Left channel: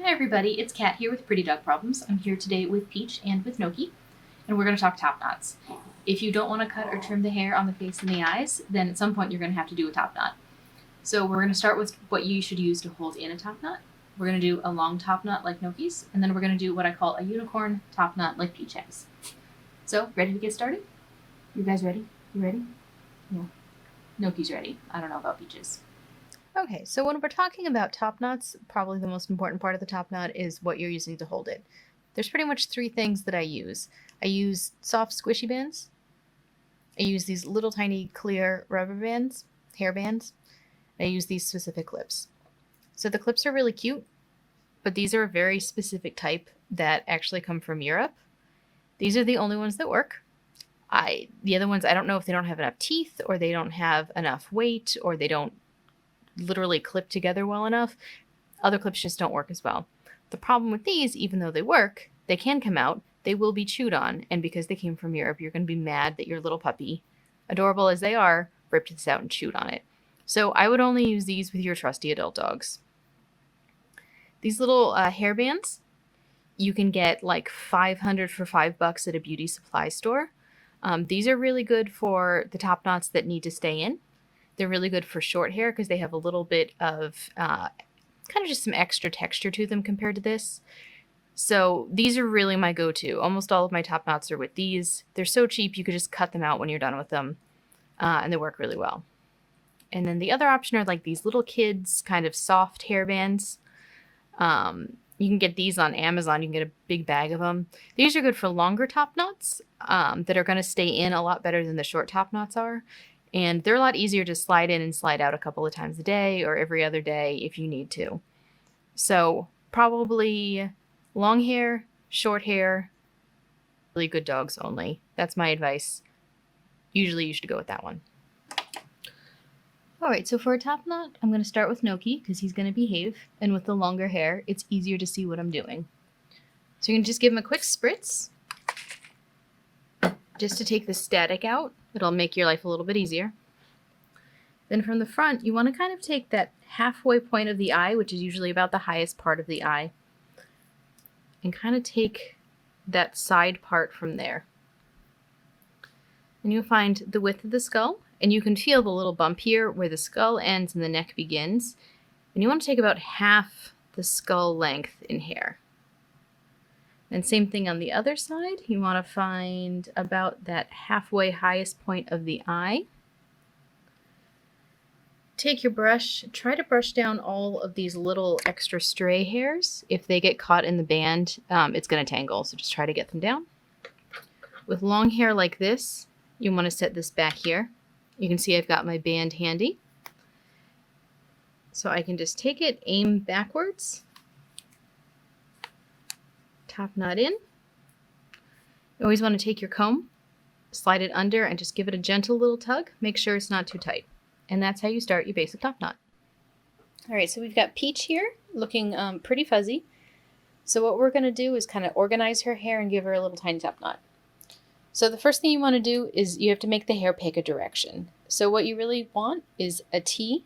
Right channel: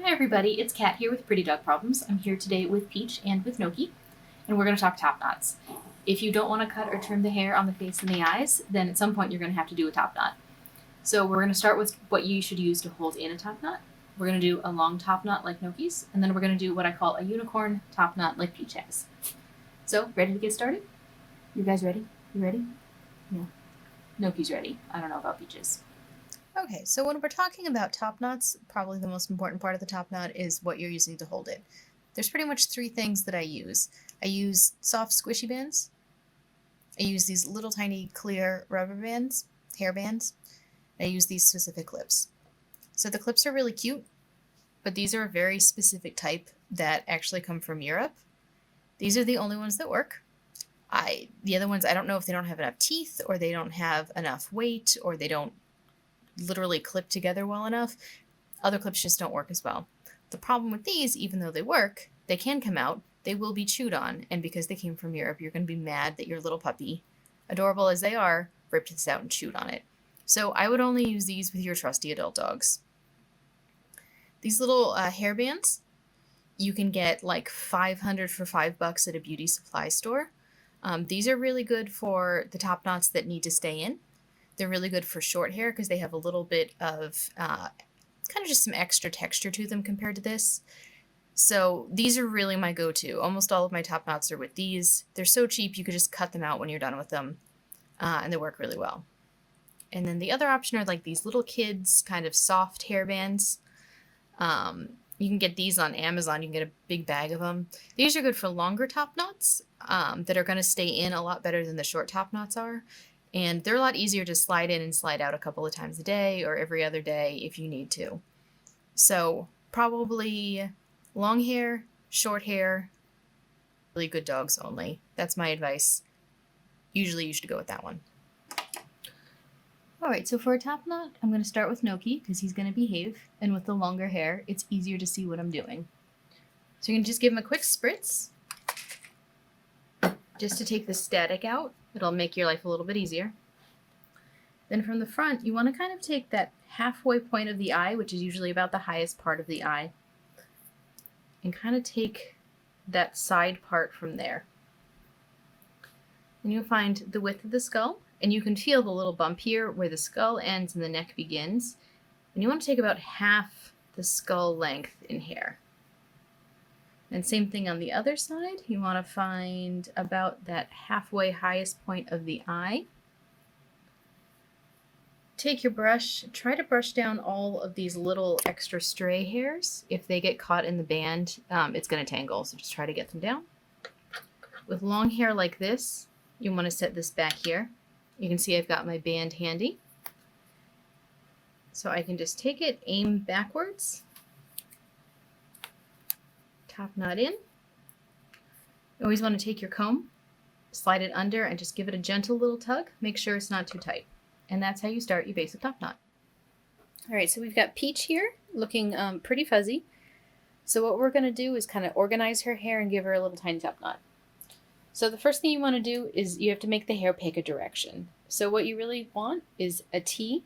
Hi everybody, it's Kat here with Pretty Dog Problems. I'm here today with Peach and with Noki, and we're going to talk top knots. If you don't want to cut or trim the hair on the face and the eyes, then at some point you're going to have to do a top knot. So we're going to start with what you should use to hold in a top knot. We're going to do a long top knot like Noki's, and then we're going to do what I call a unicorn top knot like Peach has. So, ready to get started? You guys ready? You ready? Yeah. Noki's ready. I don't know about Peach's. Okay, so when we're talking about top knots, probably the most important part of the top knot is what you're using to hold it. There's pretty much three things that I use. I use soft squishy bands. I use these little tiny clear rubber bands, hair bands. I use these specific clips. So the clips are really cute, but these are a very specific type that actually come from Europe. These are the only ones that work. The other ones, I don't know if they don't have enough teeth or they don't have enough weight or they don't literally clip together well enough. Other clips just don't work as well. The problem with these, even though they work, they can come out, they will be chewed on, and because they came from Europe, you're going to be mad that your little puppy, adorable as they are, ripped this out and chewed on it. So I would only use these with your trusty adult dogs. These little hair bands, you can get like 500 for $5 at a beauty supply store. These are really good for the top knots that need to stay in. They're really good for short hair because they have a little bit of kind of just some extra texture to them compared to this. So these are really my go-to. Almost all of my top knots are with these. They're so cheap you could just cut them out when you're done with them, and they work really well. And then the other option are like these little kids kind of soft hair bands. You can get these on Amazon. You can get a big bag of them. These are good for longer top knots that are going to stay in a lot better than the short top knots are. And they're a lot easier to slide in and slide out a couple of times a day or every other day if you need to. So probably long hair, short hair, really good dogs only. That's my advice. Usually you should go with that one. All right, so for a top knot, I'm going to start with Noki because he's going to behave. And with the longer hair, it's easier to see what I'm doing. So you can just give him a quick spritz just to take the static out. It'll make your life a little bit easier. Then from the front, you want to kind of take that halfway point of the eye, which is usually about the highest part of the eye, and kind of take that side part from there. And you'll find the width of the skull, and you can feel the little bump here where the skull ends and the neck begins. And you want to take about half the skull length in hair. And same thing on the other side. You want to find about that halfway highest point of the eye. Take your brush, try to brush down all of these little extra stray hairs. If they get caught in the band, it's going to tangle, so just try to get them down. With long hair like this, you want to set this back here. You can see I've got my band handy. So I can just take it, aim backwards, top knot in. You always want to take your comb, slide it under, and just give it a gentle little tug. Make sure it's not too tight. And that's how you start your basic top knot. All right, so we've got Peach here looking pretty fuzzy. So what we're going to do is kind of organize her hair and give her a little tiny top knot. So the first thing you want to do is you have to make the hair pick a direction. So what you really want is a T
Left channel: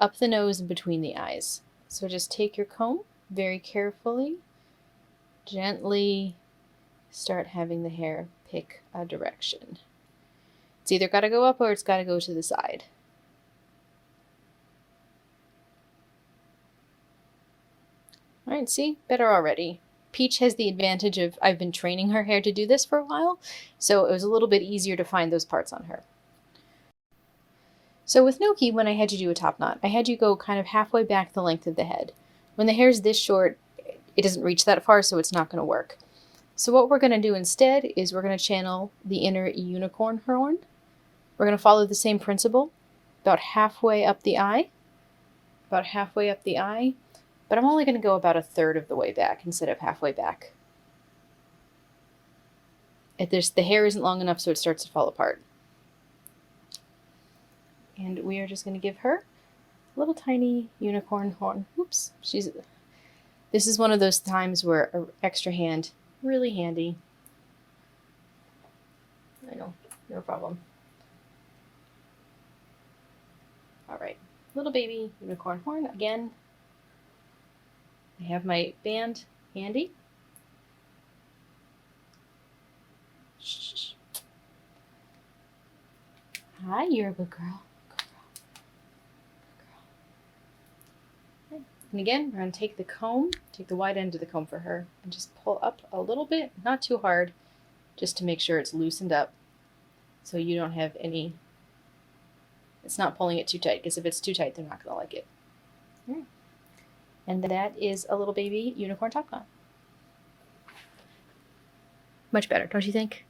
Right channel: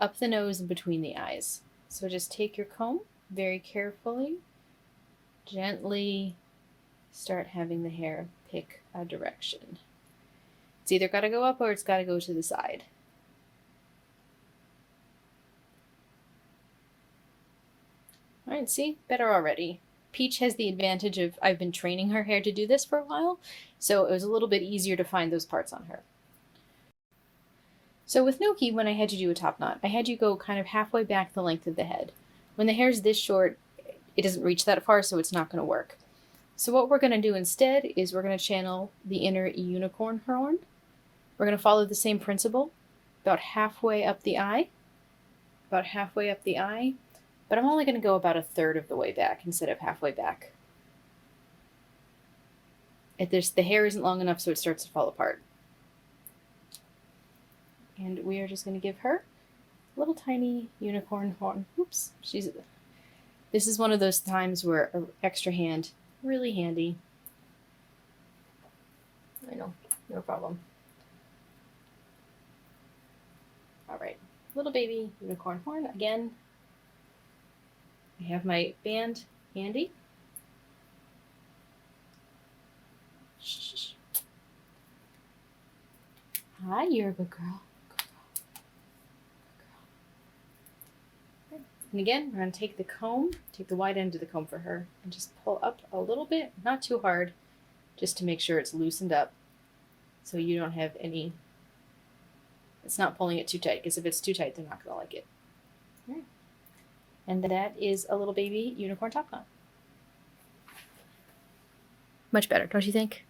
up the nose and between the eyes. So just take your comb very carefully, gently start having the hair pick a direction. It's either got to go up or it's got to go to the side. All right, see? Better already. Peach has the advantage of I've been training her hair to do this for a while, so it was a little bit easier to find those parts on her. So with Noki, when I had you do a top knot, I had you go kind of halfway back the length of the head. When the hair's this short, it doesn't reach that far, so it's not going to work. So what we're going to do instead is we're going to channel the inner unicorn horn. We're going to follow the same principle, about halfway up the eye, but I'm only going to go about a third of the way back instead of halfway back. The hair isn't long enough, so it starts to fall apart. And we are just going to give her a little tiny unicorn horn. Oops, this is one of those times where an extra hand, really handy. I know, no problem. All right, little baby unicorn horn again. I have my band handy. Shh. Hi, you're a good girl. And again, we're going to take the comb, take the wide end of the comb for her, and just pull up a little bit, not too hard, just to make sure it's loosened up so you don't have any, it's not pulling it too tight, because if it's too tight, they're not going to like it. Right. And that is a little baby unicorn top knot. Much better, don't you think?